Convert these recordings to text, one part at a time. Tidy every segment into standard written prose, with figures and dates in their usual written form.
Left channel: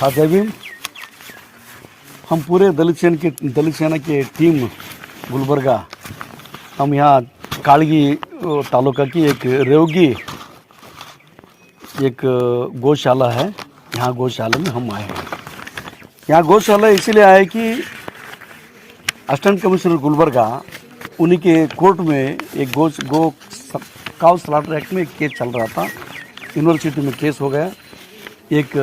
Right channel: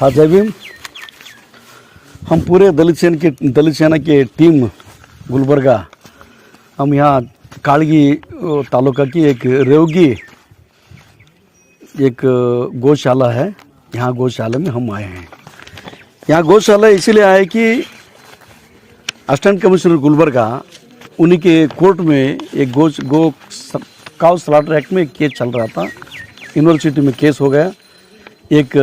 हाँ जय भीम। हम पूरे दलित सेना की टीम गुलबर्गा, हम यहाँ कालगी तालुका की एक रेवगी एक गौशाला है, यहाँ गौशाला में हम आए हैं। यहाँ गौशाला इसलिए आए कि असिस्टेंट कमिश्नर गुलबर्गा उन्हीं के कोर्ट में एक गो काउ स्लॉटर एक्ट में एक केस चल रहा था। यूनिवर्सिटी में केस हो गया। एक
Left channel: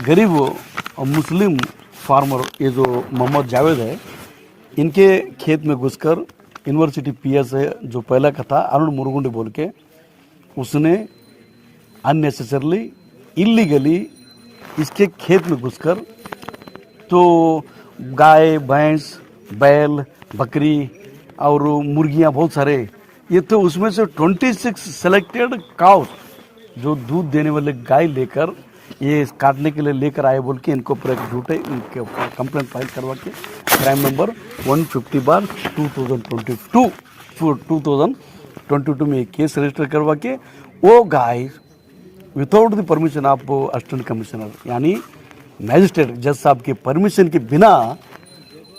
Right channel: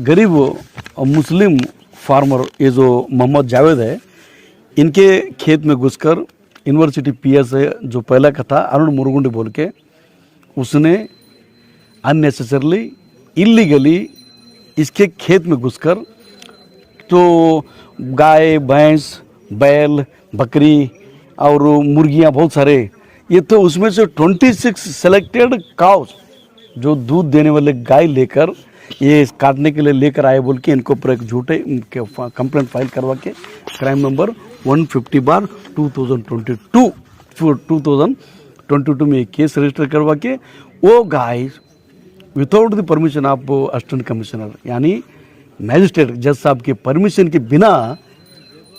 गरीब और मुस्लिम फार्मर, ये जो मोहम्मद जावेद है, इनके खेत में घुसकर यूनिवर्सिटी पीएस है जो पहला का था अरुण मुरुगुंडे बोल के, उसने अननेसेसरली इलीगली इसके खेत में घुसकर तो गाय भैंस बैल बकरी और मुर्गियां बहुत सारे, ये तो उसमें से 26 सेलेक्टेड काउ जो दूध देने वाले गाय लेकर ये काटने के लिए लेकर आए बोल के इनको ऊपर एक झूठे कंप्लेंट फाइल करवा के क्राइम नंबर 150/2022 में केस रजिस्टर करवा के वो गाय without the permission of assistant commissioner यानी मैजिस्ट्रेट जज साहब के परमिशन के बिना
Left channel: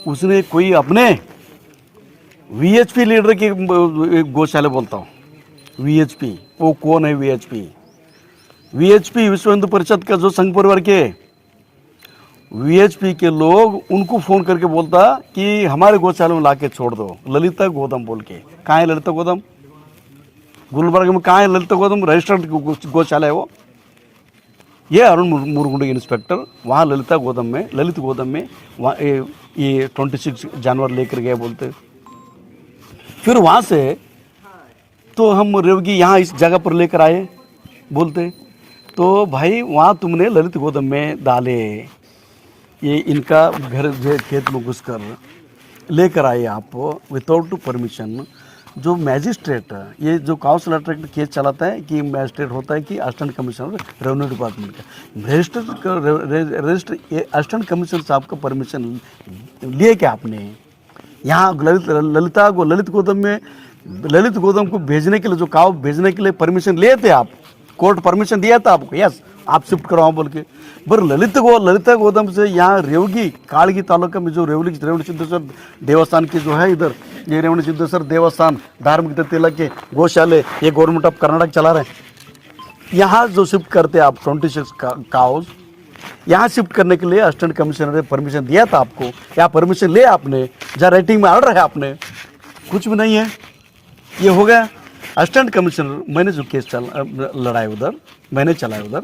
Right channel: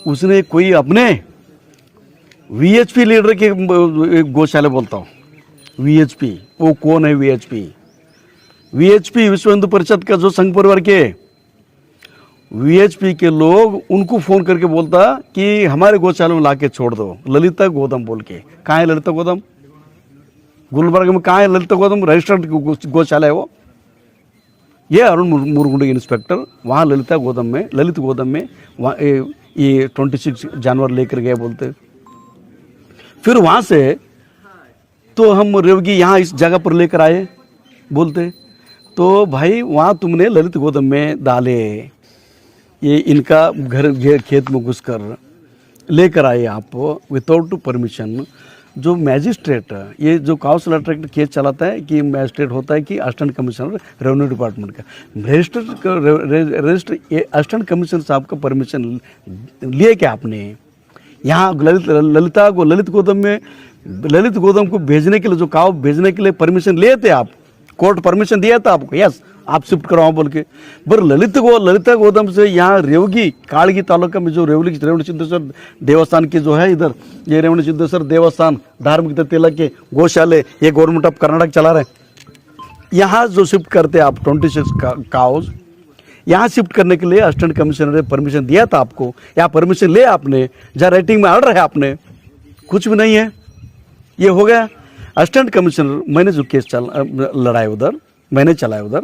उसने कोई अपने वीएचपी लीडर के गौशाला बोलता हूँ, वीएचपी वो कौन है? वीएचपी विश्व हिंदू परिषद का जो संघ परिवार के वीएचपी के लोग उनको फोन करके बोलता कि हमारे गौशाला में लाके छोड़ दो, ललिता गोदम बोल के। कहाँ है ललिता गोदम? गुलबर्ग में कहाँ है ललिता गोदम? रजिस्टर्ड गौशाला है वो। ये अरुण मुरुगुंडे इंस्पेक्टर वहाँ ललित गोदम में वहाँ ये 26 जानवर लेकर गए बोलते। फिर वहाँ से तो हम रेवगी यहाँ इस जगह पर लेकर आए बोलते। तो भाई वहाँ तुमने ललित गोदम में डाले, ये इनका घर खेत में घुसकर लेकर आए आप विदाउट परमिशन। जो मैजिस्ट्रेट, ये जो काउंसिल अट्रैक्ट केस चलाता है कि मैजिस्ट्रेट होता है कि असिस्टेंट कमिश्नर रेवेन्यू डिपार्टमेंट का रजिस्टर असिस्टेंट कमिश्नर साहब का परमिशन लिए क्या आपने? यहाँ ललित गोदम को भेजने के लिए, जो काव भेजने के लिए परमिशन लिए थे आप, कोर्ट परमिशन दिया था आपको, यस आप शिफ्ट कराओ बोल के। पर ललित गोदम से यहाँ रेवगी कालगी तालुका में जो रेवणी सिद्धेश्वर देवस्थान की जो है, इधर ये रेवणी सिद्धेश्वर देवस्थान धार्मिक तिलक के गौशाले ये गवर्नमेंट ऑफ कर्नाटक चला रहे हैं। यहाँ जो शिफ्ट करते आप 26 काउज, यहाँ शिफ्ट करने के लिए असिस्टेंट कमिश्नर ने परमिशन दिया था आपको, या परमिशन ले आपने, जहाँ राइटिंग में ऑर्डर है आपने? कुछ भी नहीं है। ये हो गया असिस्टेंट कमिश्नर। मैंने जो केस लड़ाया उधर, मैंने चलाया उधर,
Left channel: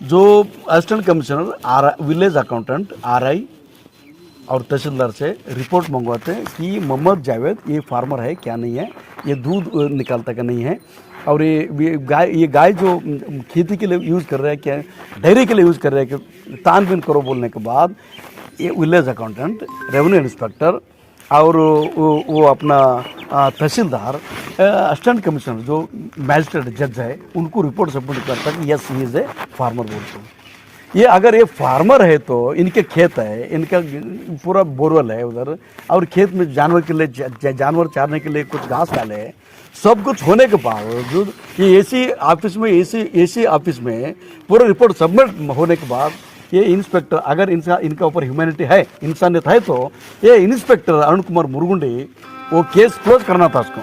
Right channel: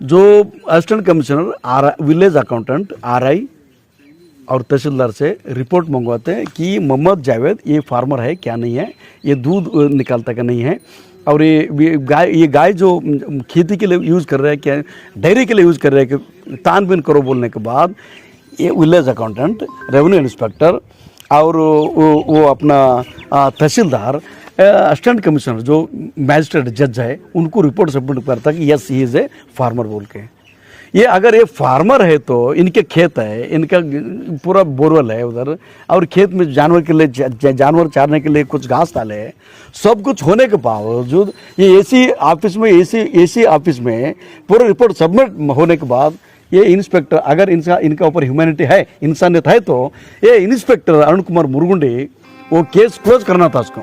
जो assistant commissioner village accountant RI और तहसीलदार से रिपोर्ट मंगवाते हैं कि मोहम्मद जावेद ये फार्मर है क्या नहीं है, ये दूध निकालता क्या नहीं है, और ये गाय जो खेती के लिए यूज़ कर रहा है क्या, डेयरी के लिए यूज़ कर रहा है कि तानबीन करो बोलने के बाद ये विलेज अकाउंटेंट, रेवेन्यू इंस्पेक्टर और वो अपना तहसीलदार, असिस्टेंट कमिश्नर जो मैजिस्ट्रेट जज है, उनको रिपोर्ट सबमिट करता है कि yes he is a farmer बोल के। ये अगर ये फार्मर है तो इनके खेत है, इनका पूरा बोरवेल है उधर, और खेत में जानवर के लिए जानवर चारने के लिए कुछ घास डाले है, सब कुछ होने के बावजूद ये एसी ऑफिस में पूरा रिपोर्ट सबमिट होने के बाद ये इंस्पेक्टर, अगर इनका ऊपर ह्यूमैनिटी है, इंसानियत है, तो ये इंस्पेक्टर अरुण कुमार मुरुगुंडे वो केस क्लोज करना था उसको।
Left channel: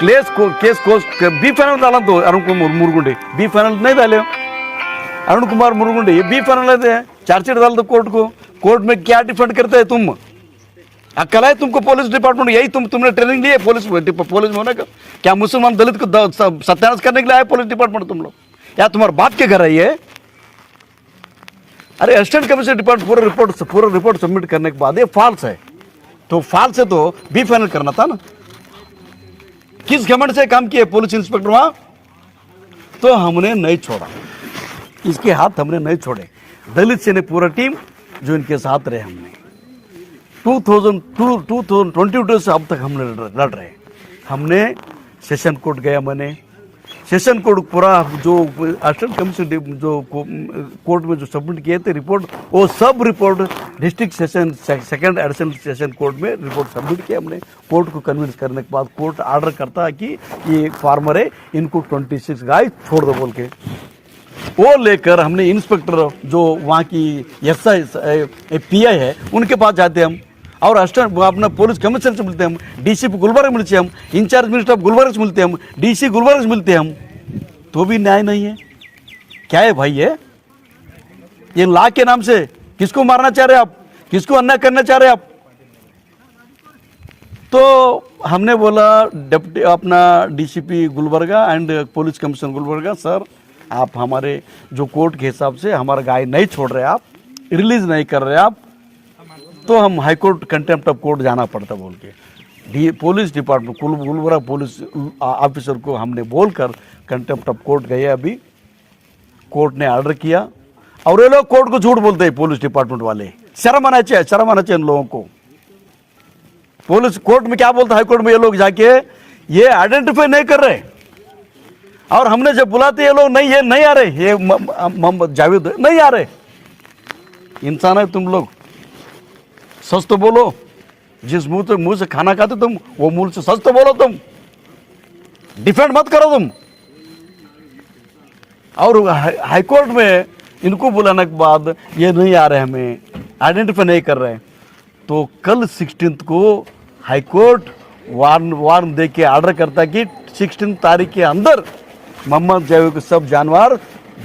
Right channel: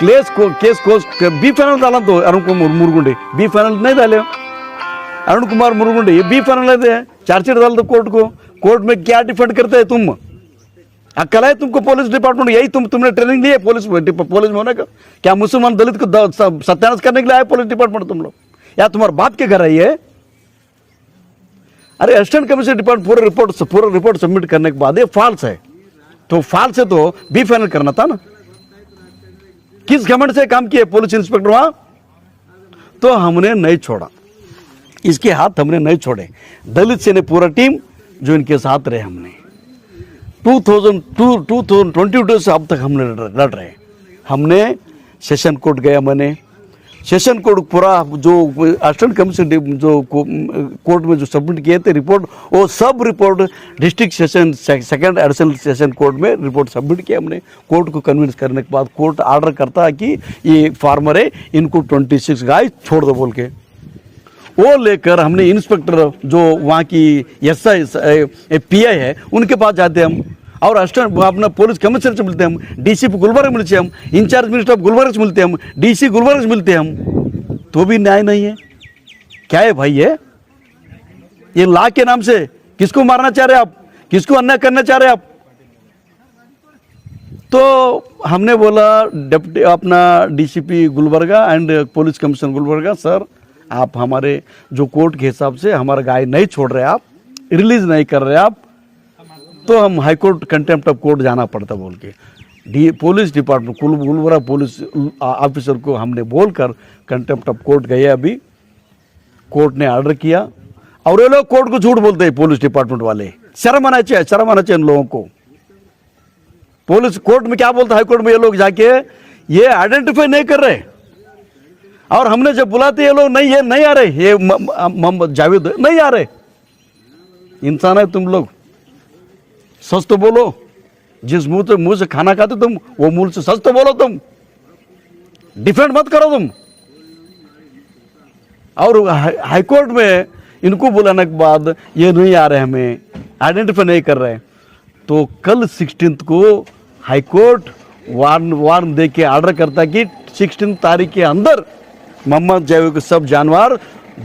केस क्लोज बी फाइनल डाला तो अरुण कुमार मुरुगुंडे बी फाइनल नहीं डाले। अरुण कुमार मुरुगुंडे ये बी फाइनल लेते हैं, चार्जशीट डाल दो कोर्ट को। कोर्ट में क्या डिफेंड करते हैं तुम? अक्ल है तुमको? पुलिस डिपार्टमेंट यही तुमने ट्रेनिंग ली है पुलिस में होने का? क्या मुसलमान दलित को सत्यानाश करने के लिए आए पुलिस डिपार्टमेंट तुम लोग, या तुम्हारे बाप के घर है ये? अरे असिस्टेंट कमिश्नर डिपार्टमेंट पूरा रिपोर्ट सबमिट करने के बाद ये फॉल्स है, तो फॉल्स है तो बी फाइनल करना था ना। किस घमंड से काम किए पुलिस इंस्पेक्टर वहां? तो हमने नहीं छोड़ा, इसके हाथ हमने नहीं छोड़े। दलित सेना पूरा टीम जो इनके साथ रहे, हमने 2022 से अब तक हमने लड़ रहे। हमने सेशन कोर्ट गया, मैंने सेशन कोर्ट पूरा जो असिस्टेंट कमिश्नर जो कोर्ट में जो सबमिट किए थे रिपोर्ट, वो सब report district session second additional session court में रिपोर्ट सबमिट किया हमने। कोर्ट को कन्विंस करने के बाद कोर्ट ऑर्डर करता है कि ये फार्मर है, इनको 26 गाय छोड़ दो बोल के। वो लेकर हमने इंस्पेक्टर जो वहाँ की एसआई पीआई है उनके पास जाते हम, और असिस्टेंट अपना पुलिस कमिश्नर से मिलते हम, डीसीपी गुलबर्ग मिलते हम, इंचार्ज मिनिस्टर ऑफ गुलबर्ग से मिलते हम, डीसी गुलबर्ग से मिलते हम, तो भी न्याय नहीं है। क्या है भाई ये ला के नाम से किसको मारना चाह रहे आप, किसको अन्याय करना चाह रहे आप? तो हमने बोला डिप्टी अपना DCP Gulbarga and police commissioner Gulbarga, sir आप हमारे जो कोर्ट के हिसाब से हमारा गाय नहीं छोड़ रहे, आप रिलीज नहीं कर रहे आप, तो हम high court contempt of court जाना पड़ता बोल के police department Gulbarga police officer को हमने बोलकर कंटेम्प्ट ऑफ कोर्ट गए। अभी कोर्ट ने ऑर्डर किया, और ये लोग कोर्ट को झूठ बोलते हैं पुलिस डिपार्टमेंट वाले। शर्म आना चाहिए इन लोगों को। पुलिस कोर्ट में क्या बोलता है, हाई कोर्ट में ये लोग जाके ये आइडेंटिफाई नहीं कर रहे, और हमने जब बुलाते ये लोग नहीं, ये नहीं आ रहे, ये मोहम्मद जावेद नहीं आ रहे। इंसान है तुम लोग, सच तो बोलो। जिस मुंह से खाना खाते तुम, वो मुंह से सच तो बोलो। तुम डिफेंड मत करो तुम। और हाईकोर्ट में इनको बुलाने के बाद ये नहीं आ रहे, हमें आइडेंटिफाई नहीं कर रहे, तो कल 16 को हाईकोर्ट वार्न दे के ऑर्डर करता कि 16 तारीख के अंदर मोहम्मद जावेद को सब जानवर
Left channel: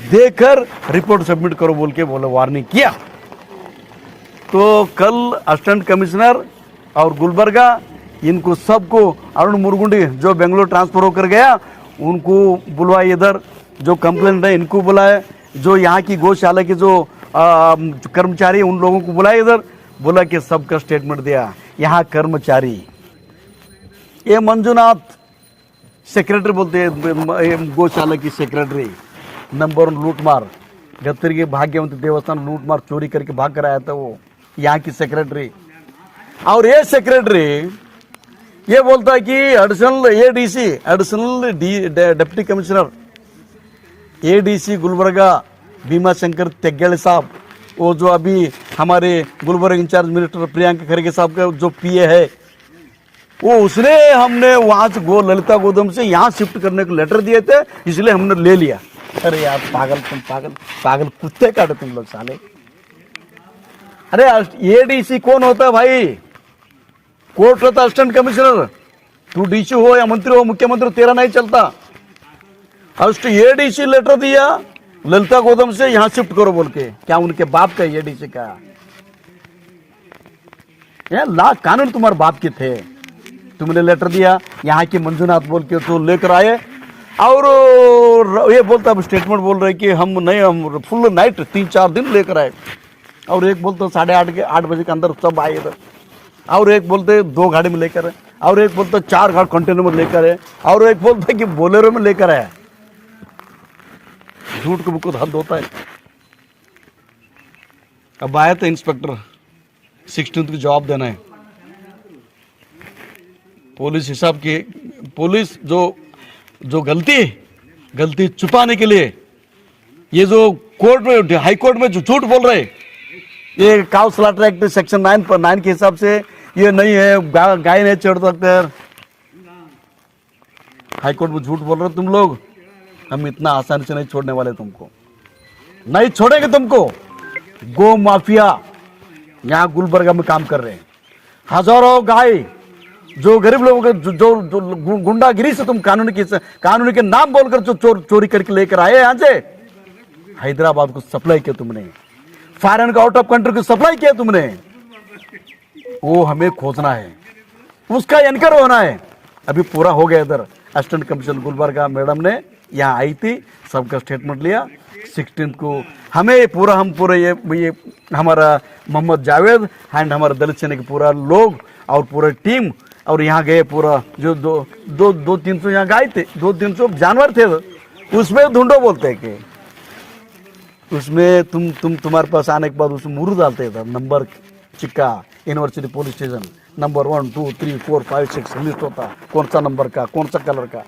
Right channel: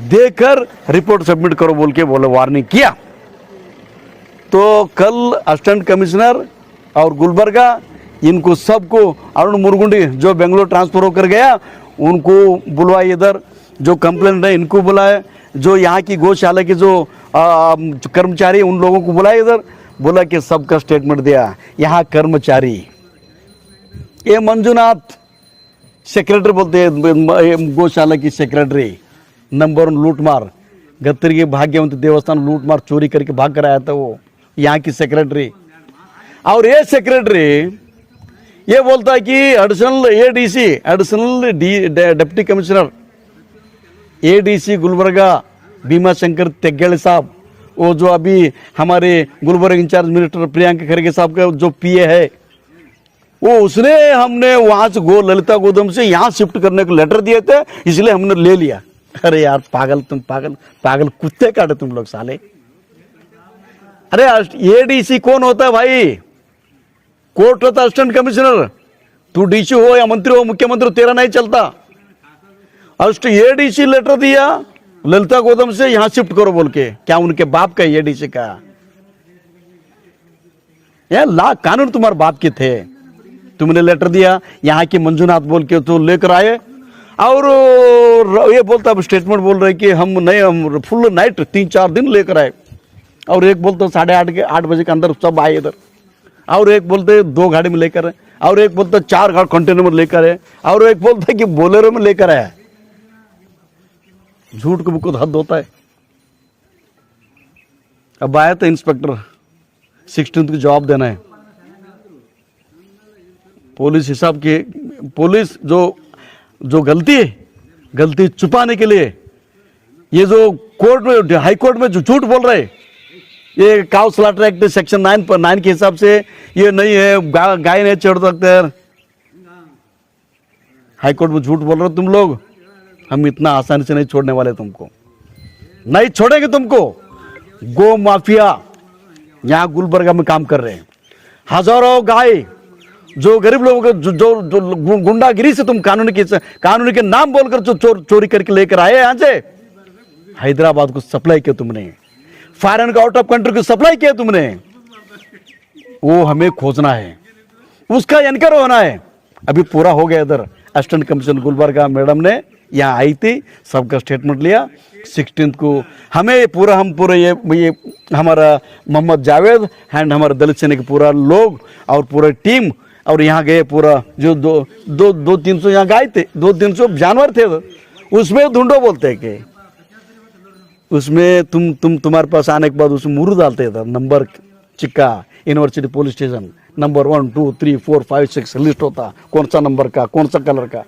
देकर रिपोर्ट सबमिट करो बोल के वार्निंग किया। तो कल असिस्टेंट कमिश्नर और गुलबर्गा इनको सबको, अरुण मुरगुंडी जो बेंगलोर ट्रांसफर होकर गया उनको बुलवाए, इधर जो कंप्लेंट है इनको बुलाए, जो यहाँ की गौशाला के जो कर्मचारी उन लोगों को बुलाए इधर, बोला कि सबका स्टेटमेंट दिया। यहाँ कर्मचारी ये मंजुनाथ सेक्रेटरी बोलते हैं, गौशाला की सेक्रेटरी नंबर 1 लूटमार, गत्तरी के भाग्यवंत देवस्थान लूटमार चोरी करके भाग कर आया था वो, यहाँ की सेक्रेटरी। और ये सेक्रेटरी ये बोलता है कि additional ADC additional deputy commissioner ADC Gulbarga Bhima Shankar Tegele साहब, वो जो अभी हमारे गुलबर्ग इंचार्ज मिनिस्टर प्रियंका खड़गे साहब का जो पीए है, वो उसने हमने वहां से ललिता गोदाम से यहाँ शिफ्ट करने को लेटर दिए थे, इसलिए हमने ले लिया। अरे यार पागल, तुम पागल कुत्ते काटे तुम लोग साले। अरे एडीसी कौन होता है भाई? कोर्ट होता है असिस्टेंट कमिश्नर। तू डीसी हो या मंत्री हो, मुख्यमंत्री हो, तेरा नहीं चलता। एडीसी लेटर दिया ललिता गोदाम से यहां शिफ्ट करो बोल के, क्या उनके बाप का एडीसी का? यार ला कानून तुम्हारे बाप के थे, तुमने लेटर दिया यहाँ के मंजुनाथ बोल के तो लेकर आए, और ये बोलता स्टेटमेंट बोल रहे कि हम फुल नाइट 3-4 दिन लेकर आए, और एक बोलते 8:30 बजे के अंदर सब आए इधर, और एक बोलते 2 गाड़ी में लेकर आए, और एक बोलते 4 गाड़ी कंटेनर में लेकर आए, और एक बोलते कि बोलेरो में लेकर आया। झूठ को बहुत हद होता है। अब आया तो इंस्पेक्टर 16 को जवाब देना है। पुलिस हिसाब की पुलिस जो गलती छुपाने के लिए ये जो कोर्ट में हाई कोर्ट में जो झूठ बोल रहे, ये काउ स्लॉटर एक्ट सेक्शन 9 के हिसाब से ये नहीं है, गाय नहीं चढ़ सकते। हाई कोर्ट में झूठ बोल रहे हो तुम लोग, हम इतना आसानी से नहीं छोड़ने वाले, तुमको नहीं छोड़ेंगे। तुमको गो माफिया यहाँ गुलबर्गा में काम कर रहे हैं, हजारों गाय जो गरीब लोगों को जो गुंडागिरी से तुम कानून के नाम बोलकर जो चोरी करके लेकर आए यहाँ से, हैदराबाद को सप्लाई किया तुमने, फॉरेन का आउट ऑफ कंट्री को सप्लाई किया तुमने, वो हमें खोजना है, उसका एनकर होना है। अभी पूरा हो गया। इधर असिस्टेंट कमिश्नर गुलबर्गा मैडम ने यहाँ आई थी, सबका स्टेटमेंट लिया। 16 को हमें हम पूरा ये हमारा मोहम्मद जावेद एंड हमारा दलित सेना के पूरा लोग और पूरा टीम, और यहाँ गए पूरा जो 200-300 यहाँ गाय थे, 200-300 जानवर थे, उसमें ढूंढो बोलते हैं कि उसमें तुम्हारे पास आने के बाद उसमें मुर्ग डालते थे, number Chikka university police station number 1 2 3 4 5 6 list होता, कौन सा नंबर का, कौन सा कलर का,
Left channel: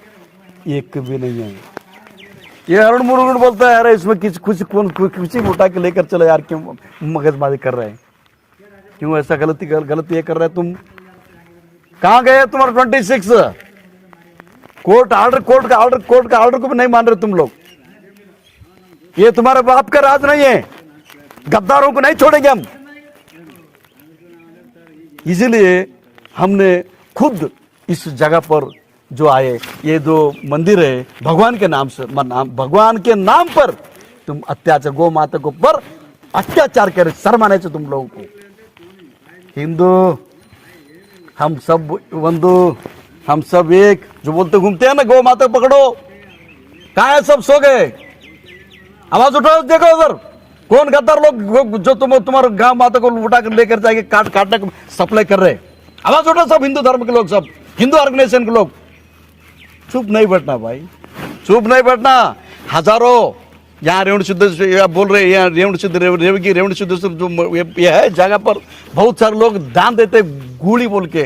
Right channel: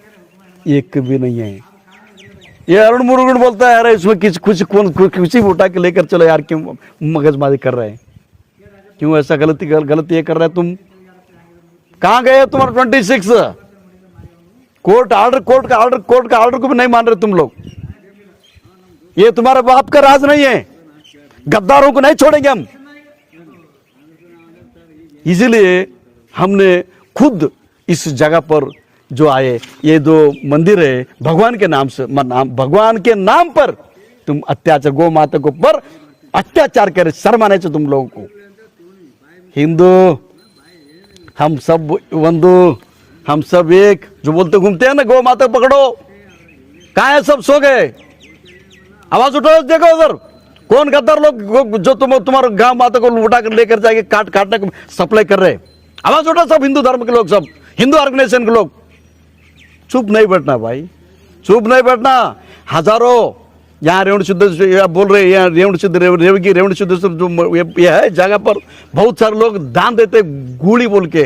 एक भी नहीं है। ये अरुण मुरुगन बोलता है, अरे इसमें किसी उठा के लेकर चलो यार, क्यों मगजमारी कर रहे हैं, क्यों ऐसा गलती ये कर रहे हैं तुम? कहाँ गए तुम्हारा 26? कोर्ट का ऑर्डर को भी नहीं मान रहे तुम लोग। ये तुम्हारे बाप का राज नहीं है, गद्दारों को नहीं छोड़ेंगे हम। इसीलिए हमने खुद इस जगह पर जो आए, ये जो मंदिर है भगवान के नाम से, भगवान के नाम पर तुम अत्याचार, गौ माता को पर अत्याचार करे, शर्म आने से तुम लोगों को। हिंदू हम सब बंधु, हम सब एक, जो बोलते घूमते हैं ना गौ माता पकड़ो, कहाँ है सब? सो गए? आवाज उठाओ, देखो उधर कौन गद्दार लोग जो तुम्हारे गांव माता को उठा कर लेकर जाएंगे, काटने को सप्लाई कर रहे। आवाज उठाओ सब हिंदू धर्म के लोग, सब हिंदू ऑर्गेनाइजेशन के लोग। चुप नहीं बैठना भाई, चुप नहीं बैठना। हजारों यहाँ रेवण सिद्धेश्वर बोल रहे, यहाँ रेवण सिद्धेश्वर जो ये है जगह पर बहुत सारे लोग दान देते गुड़ी बोल के,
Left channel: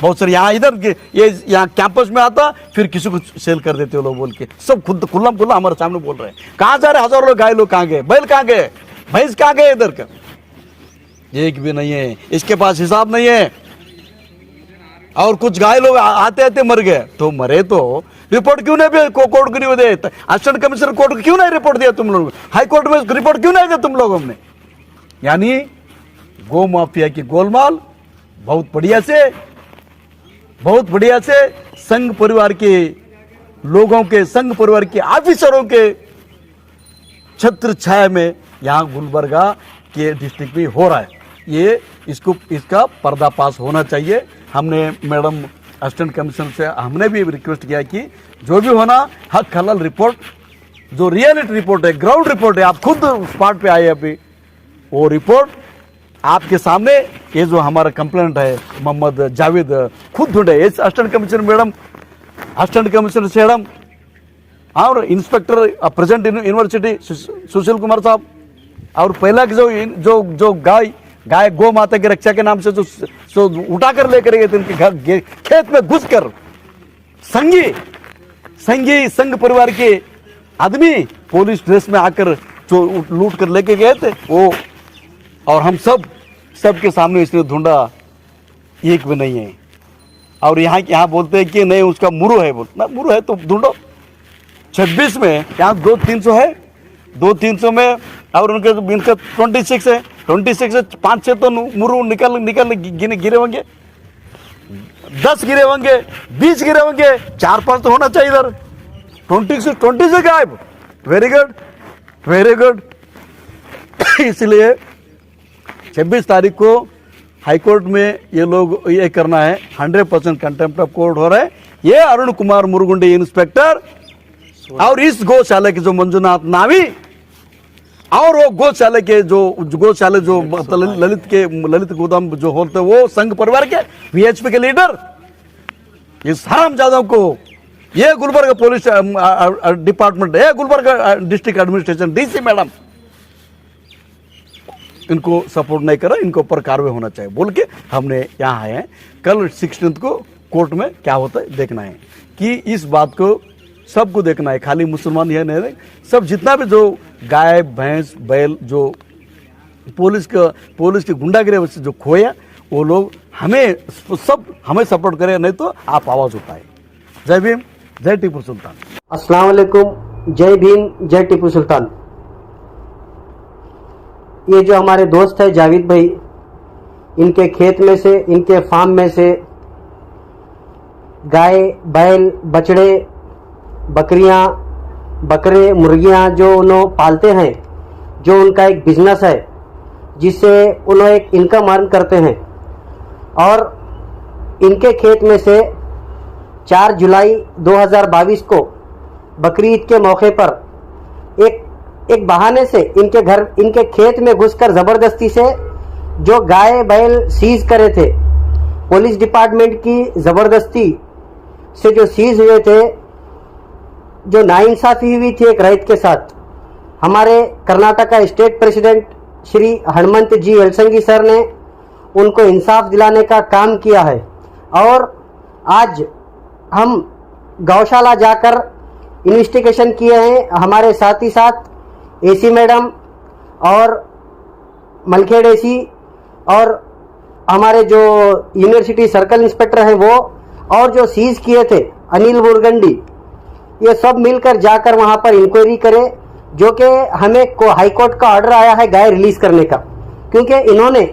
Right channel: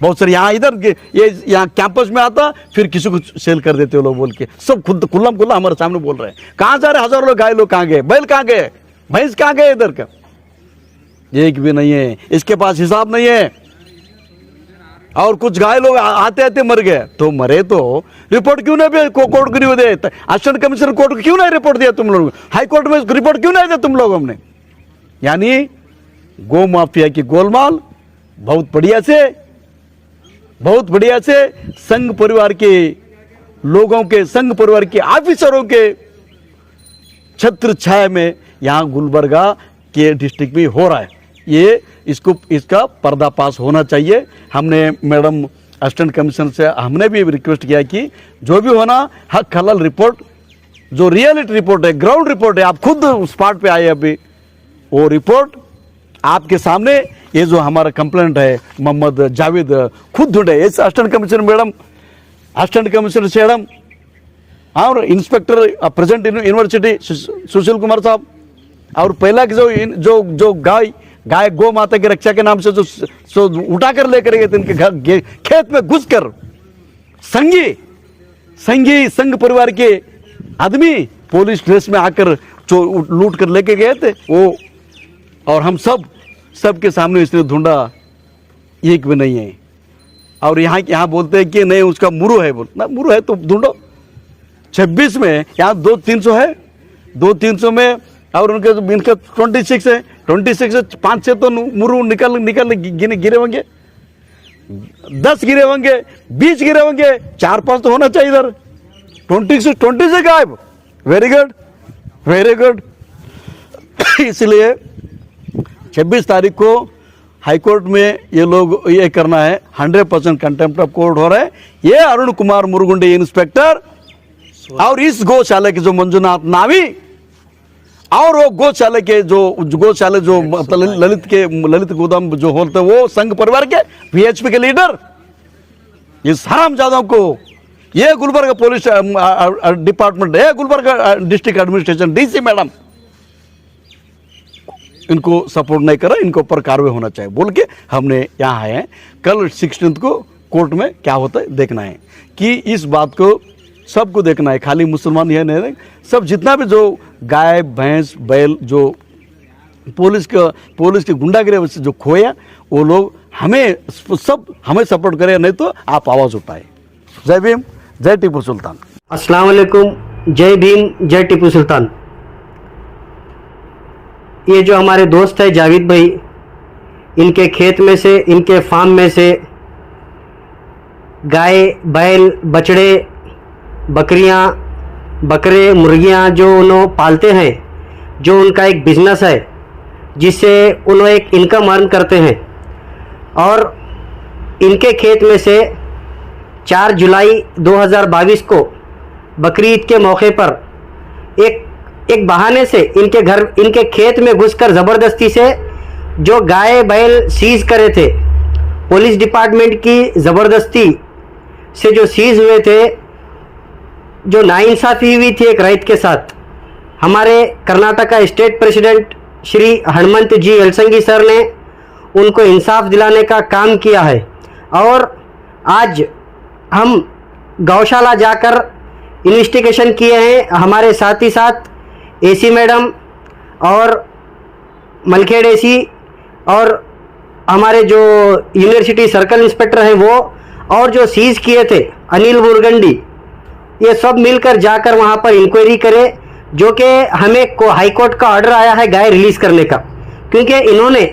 बहुत सारे यहाँ इधर के ये यहाँ कैंपस में आता, फिर किसी को सेल कर देते हो लोग बोल के, सब खुद खुल्ला खुल्ला हमारे सामने बोल रहे हैं। कहाँ जा रहे हजारों लोग? गाय लोग कहाँ गए? बैल कहाँ गए? भैंस कहाँ गए? इधर का एक भी नहीं है, इसके पास हिसाब नहीं है। और कुछ गाय लोग आते आते मर गए, तो मरे तो रिपोर्ट क्यों नहीं कोर्ट को नहीं दे? असिस्टेंट कमिश्नर कोर्ट को क्यों नहीं रिपोर्ट दिया तुम लोगों? हाई कोर्ट में रिपोर्ट क्यों नहीं दिया तुम लोगों ने? यानी गौ माफिया की गोलमाल बहुत बढ़िया से संघ परिवार के लोगों के, संघ परिवार के ऑफिसरों के छत्र छाया में यहाँ गुलबर्गा के डिस्ट्रिक्ट में हो रहा है। ये इसका पर्दाफाश होना चाहिए। हमने मैडम असिस्टेंट कमिश्नर से हमने भी रिक्वेस्ट किया कि जो भी होना हक हलाल रिपोर्ट, जो रियलिटी रिपोर्ट है, ग्राउंड रिपोर्ट है, आप खुद स्पॉट पे आए अभी, वो रिपोर्ट आपके सामने, ये जो हमारा कंप्लेंट है मोहम्मद जावेद खुद ढूंढे, इस assistant commissioner madam, assistant commissioner madam और inspector present university Sushil Kumar साहब, और पहला जो गाय गौ माता की रक्षा के नाम से जो उठा कर लेकर गए थे इनके घर खेत में घुसकर, संघ परिवार के आदमी पुलिस ड्रेस में आकर जो लूट कर लेके गए थे वो, और हम सबके सामने इसने ढूंढा, एक भी नहीं है। और यहाँ बोलते हैं कि नहीं उसका मुरु है, बोलना मुरु है तो ढूंढो। 26 में यहाँ 200-300 है, 200-300 में, और उनके इनका 26 है, 26 से 5-6 तो मुरु निकल गिरे होंगे, 10 गिरे होंगे, 20 गिरे होंगे, 4-5 तो होना चाहिए इधर। 26 गायब। Very good. इसलिए 26 तारीख को हाईकोर्ट में ये लोग ये करना है, 100% कंटेम्प्ट ऑफ कोर्ट हो रहा है। ये अरुण कुमार मुरुगुंडी इंस्पेक्टर और इस गौशाला के जो मंजुनाथ नावी और वो गौशाला के जो ललित गोदाम जो होते वो संघ परिवार के वीएचपी के लीडर, इस हरामजादों को ये गुलबर्गा पुलिस डिपार्टमेंट है, Gulbarga district administration DC madam इनको सपोर्ट नहीं कर रहा, इनके ऊपर कार्रवाई होना चाहिए बोल के हमने यहाँ आए हैं। कल 16 को कोर्ट में क्या होता है देखना है, कि इस बात को सबको देखना है, खाली मुसलमान यह नहीं, सब जितना भी जो गाय भैंस बैल जो पुलिस के गुंडागिरी से जो खोया, वो लोग हमें सपोर्ट करें, नहीं तो आप आवाज़ उठाए। जय भीम, जय टीपू सुल्तान। अस्सलाम वालेकुम, जय भीम, जय टीपू सुल्तान। ये जो हमारे दोस्त है जावेद भाई, इनके खेत में से, इनके फार्म में से गाय बैल बछड़े बकरियां बकरे मुर्गियां जो उन्होंने पालते हैं, जो उनका एक बिजनेस है जिससे उन्होंने एक इनकम अर्न करते हैं। और इनके खेत में से 4 जुलाई 2022 को बकरी ईद के मौके पर एक बहाने से इनके खेत में घुसकर ज़बरदस्ती से जो गाय बैल सीज करे थे, पुलिस डिपार्टमेंट की ज़बरदस्ती से जो सीज हुए थे, जो नाइंसाफ़ी हुई थी एक रैत के साथ, हमारे कर्नाटका स्टेट प्रेसिडेंट श्री हनुमंत जी वेलसंगी सर ने उनको इंसाफ दिलाने का काम किया है। और आज हम गौशाला जाकर इन्वेस्टिगेशन किए हैं, हमारे साथ ही साथ एसी मैडम और मलखेड़ एसी और हमारे जो यूनिवर्सिटी सर्कल इंस्पेक्टर हैं वो, और जो सीज किए थे अनिल मुरगंडी, ये सब मिलकर जाकर वहाँ पर इंक्वायरी करें जो कि हमें को हाई कोर्ट का ऑर्डर आया है गाय रिलीज करने का, क्योंकि इन्होंने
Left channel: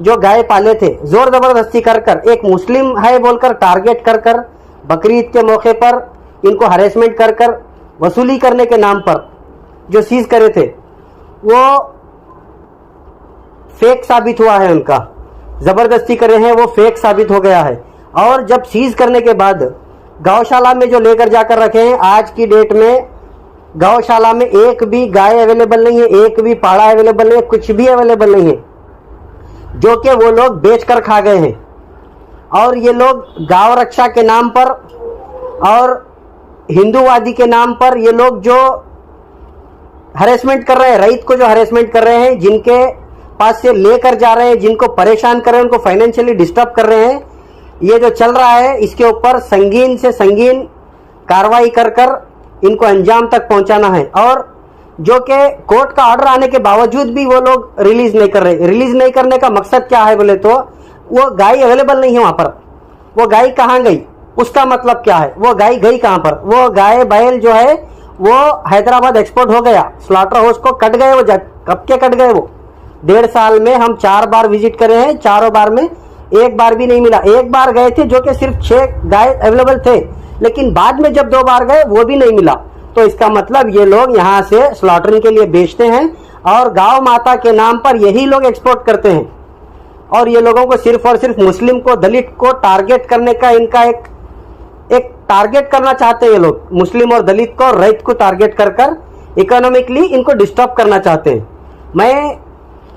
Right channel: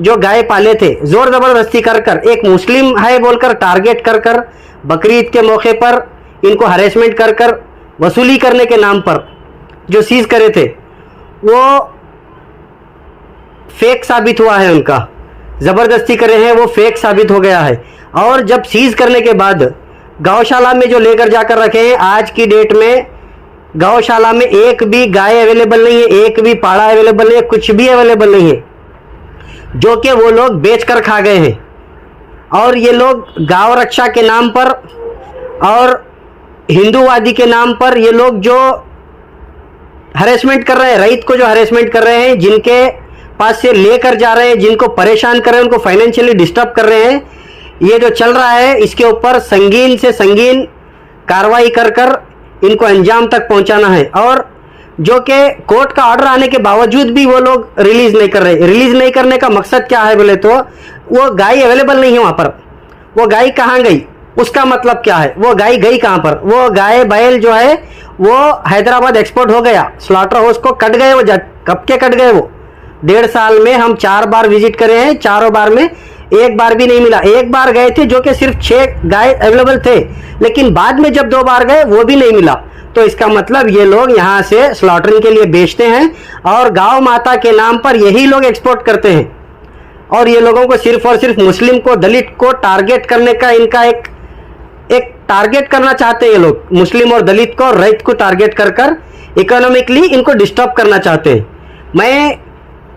जो गाय पाले थे जोर जबरदस्ती कर कर, एक मुस्लिम है बोलकर टारगेट कर कर, बकरी ईद के मौके पर इनको हरेसमेंट कर कर वसूली करने के नाम पर जो सीज करे थे वो फेक साबित हुआ है। उनका जबरदस्ती करे हैं वो फेक साबित हो गया है। और जब सीज करने के बाद गौशाला में जो लेकर जाकर रखे हैं, आज की डेट में गौशाला में एक भी गाय अवेलेबल नहीं है, एक भी पाड़ा अवेलेबल नहीं है, कुछ भी अवेलेबल नहीं है, जो कि वो लोग बेच कर खा गए हैं। और ये लोग गांव रक्षा के नाम पर और हिंदूवादी के नाम पर ये लोग जो हरेसमेंट कर रहे हैं, रईत को जो हरेसमेंट कर रहे हैं, जिनके पास से लेकर जा रहे हैं, जिनको परेशान कर रहे हैं, उनको फाइनेंशियली डिस्टर्ब कर रहे हैं, ये जो चल रहा है इसके ऊपर संगीन से संगीन कार्रवाई कर कर इनको अंजाम तक पहुंचाना है। और जो कि कोर्ट का ऑर्डर आने के बावजूद भी वो लोग रिलीज नहीं कर रहे। रिलीज नहीं करने का मकसद क्या है बोले तो वो गाय अवेलेबल नहीं है वहां पर, वो गाय कहाँ गई उसका मतलब क्या है, वो गाय गई कहां पर, वो गाय बैल जो है वो हैदराबाद एक्सपोर्ट हो गया, स्लॉटर हाउस को कट गए, वो कब के कट गए। वो 1.5 साल में हम 4 बार विजिट करे हैं, चारों बार में एक बार भी नहीं मिला। एक बार गए थे जो कि सिर्फ 6 गाय अवेलेबल थे, लेकिन बाद में जब 2 बार गए वो भी नहीं मिला। तो इसका मतलब ये लोग यहाँ से स्लॉटरिंग के लिए बेचते हैं और गांव माता के नाम पर यही लोग एक्सपोर्ट करते हैं। और ये लोगों को सिर्फ और सिर्फ मुस्लिम को, दलित को टारगेट करने का इनका एक टारगेट करना चाहते हैं ये लोग, मुस्लिम और दलित को और रईत को टारगेट कर कर इकोनॉमिकली इनको डिस्टर्ब करना चाहते हैं। मैं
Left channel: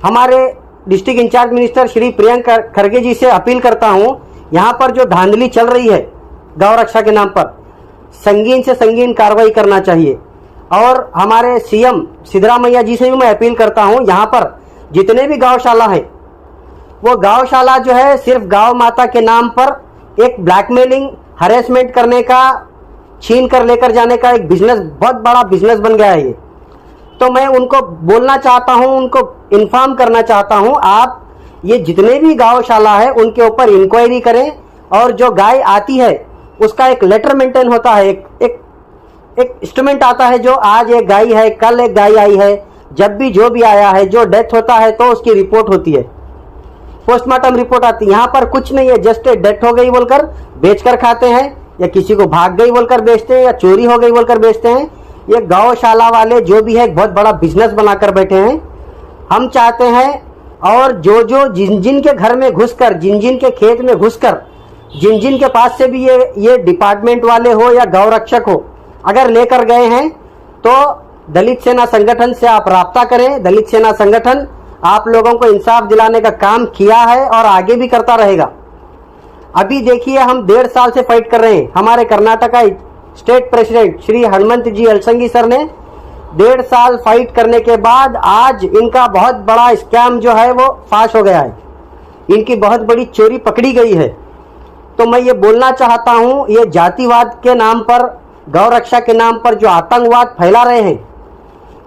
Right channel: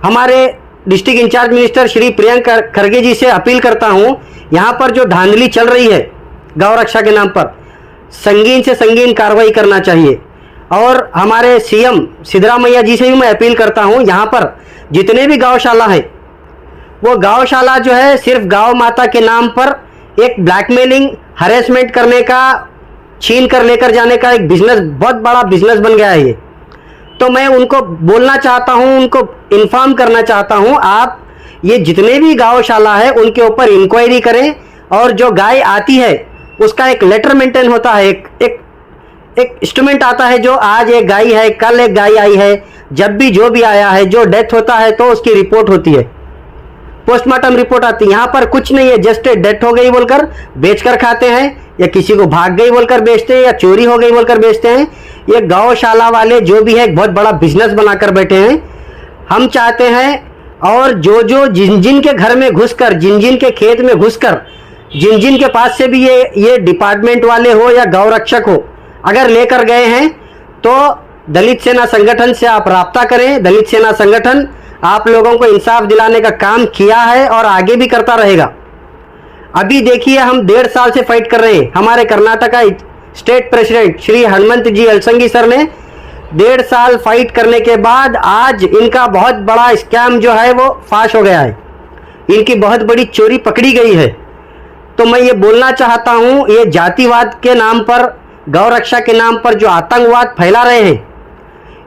हमारे district in-charge minister Shri Priyank Kharge ji से अपील करता हूं, यहां पर जो धांधली चल रही है गौ रक्षा के नाम पर, संगीन से संगीन कार्रवाई करना चाहिए। और हमारे सीएम सिद्धरामैया जी से भी मैं अपील करता हूं, यहां पर जितने भी गौशाला हैं वो गौशाला जो है सिर्फ गौ माता के नाम पर एक ब्लैकमेलिंग, हरेसमेंट करने का, छीन कर लेकर जाने का एक बिजनेस, बहुत बड़ा बिजनेस बन गया है ये। तो मैं उनको बोलना चाहता हूं, उनको इन्फॉर्म करना चाहता हूं, आप ये जितने भी गौशाला है उनके ऊपर इंक्वायरी करें और जो गाय आती है उसका एक लेटर मेंटेन होता है, एक इंस्ट्रूमेंट आता है, जो आज एक गाय है, कल एक गाय आई है, जब भी जो भी आया है, जो डेथ होता है तो उसकी रिपोर्ट होती है, पोस्टमार्टम रिपोर्ट आती है। यहाँ पर कुछ नहीं है, जस्ट डेथ हो गई बोलकर बेचकर खाते हैं, या किसी को भाग गई बोलकर बेचते हैं, या चोरी हो गई बोलकर बेचते हैं। ये गौशाला वाले जो भी है एक बहुत बड़ा बिजनेस बनाकर बैठे हैं। हम चाहते हैं और जो जिन जिन के घर में घुसकर, जिन जिन के खेत में घुसकर, जिन जिन के पास से भी ये डिपार्टमेंट वाले हो या गौ रक्षक हो अगर लेकर गए हैं तो दलित सेना संगठन से आप राब्ता करें। दलित सेना संगठन आप लोगों को इंसाफ दिलाने का काम किया है और आगे भी करता रहेगा। अभी देखिए हम 1.5 साल से फाइट कर रहे हैं। हमारे कर्नाटका स्टेट प्रेसिडेंट श्री हनुमंत जी अलसंगी सर ने 1.5 साल फाइट करने के बाद आज इनका बहुत बड़ा स्कैम जो है वो फाश हो गया है, इनकी बहुत बड़ी चोरी पकड़ी गई है। तो मैं ये बोलना चाहता हूं, ये जातिवाद के नाम पर, गौ रक्षा के नाम पर जो आतंकवाद फैला रहे हैं,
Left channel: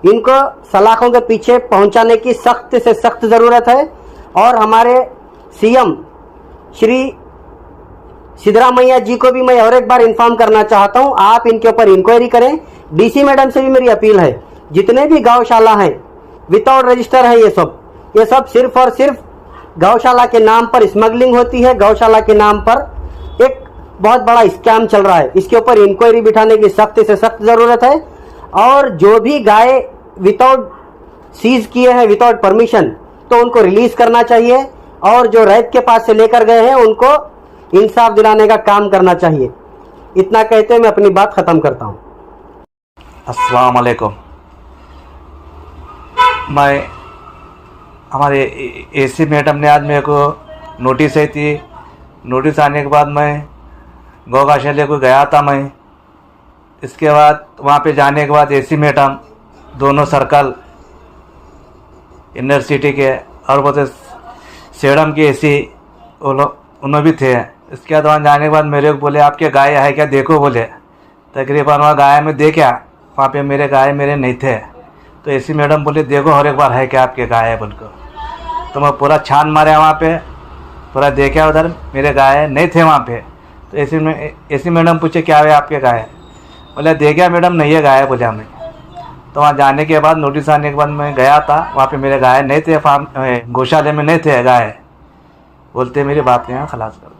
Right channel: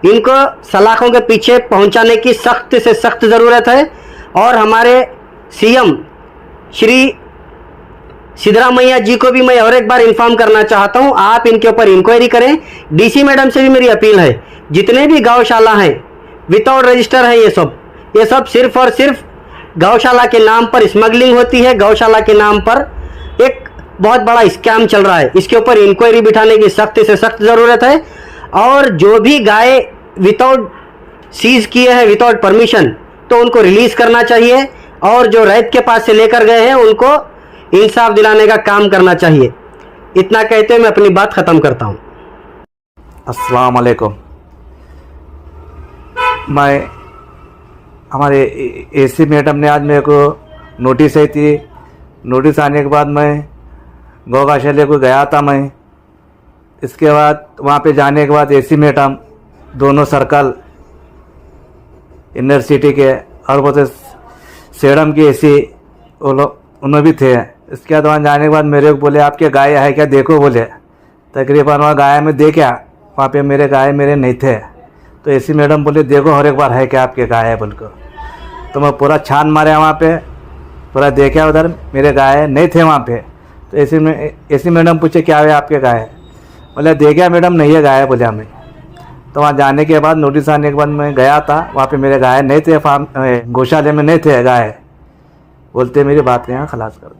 इनको सलाखों के पीछे पहुंचाने की सख्त से सख्त जरूरत है। और हमारे सीएम श्री सिद्धरामैया जी को भी मैं और एक बार इन्फॉर्म करना चाहता हूं, आप इनके ऊपर इंक्वायरी करें। डीसी मैडम से भी मेरी अपील है, जितने भी गौशाला हैं विदाउट रजिस्टर है, ये सब सिर्फ और सिर्फ गौशाला के नाम पर स्मगलिंग होती है, गौशाला के नाम पर एक बहुत बड़ा स्कैम चल रहा है। इसके ऊपर इंक्वायरी बिठाने की सख्त से सख्त जरूरत है। और जो भी गाय विदाउट सीज किए हैं, विदाउट परमिशन, तो उनको रिलीज करना चाहिए। और जो रैत के पास से लेकर गए हैं उनको इंसाफ दिलाने का काम करना चाहिए। इतना कहते हुए मैं अपनी बात खत्म करता हूं। अस्सलाम वालेकुम। मैं हमारे एसी मैडम ने आज मेरे को नोटिस आई थी। नोटिस आने के बाद मैं गौ गौशाला को गया था। मैं इसके बाद वहाँ पे जाने के बाद एसी मैडम दोनों सर्कल इनर सिटी के और वो सेडम के एसी वो लोग उन्होंने भी थे। इसके बाद वहाँ जाने के बाद मेरे को बोले आपके गाय है क्या देखो बोले। तकरीबन वहाँ गाय में देखा, वहाँ पे मेरे गाय मेरे नहीं थे। तो एसी मैडम बोले देखो हर एक बार है क्या आपके गाय है बोल को। तो मैं पूरा छान मारा वहाँ पे, पूरा देखा, उधर मेरे गाय नहीं थे वहाँ पे। तो एसी मैडम पूछे क्या है आपके गाय, बोले देखा मैडम नहीं है गाय बोले हमें। तो वहाँ जाने के बाद नोटिस आने के बाद मैं गया था, वहाँ पे मेरे गाय नहीं थे, फार्म गौशाले में नहीं थे गाय। बोलते मेरे बाप के यहाँ खलास कर दो।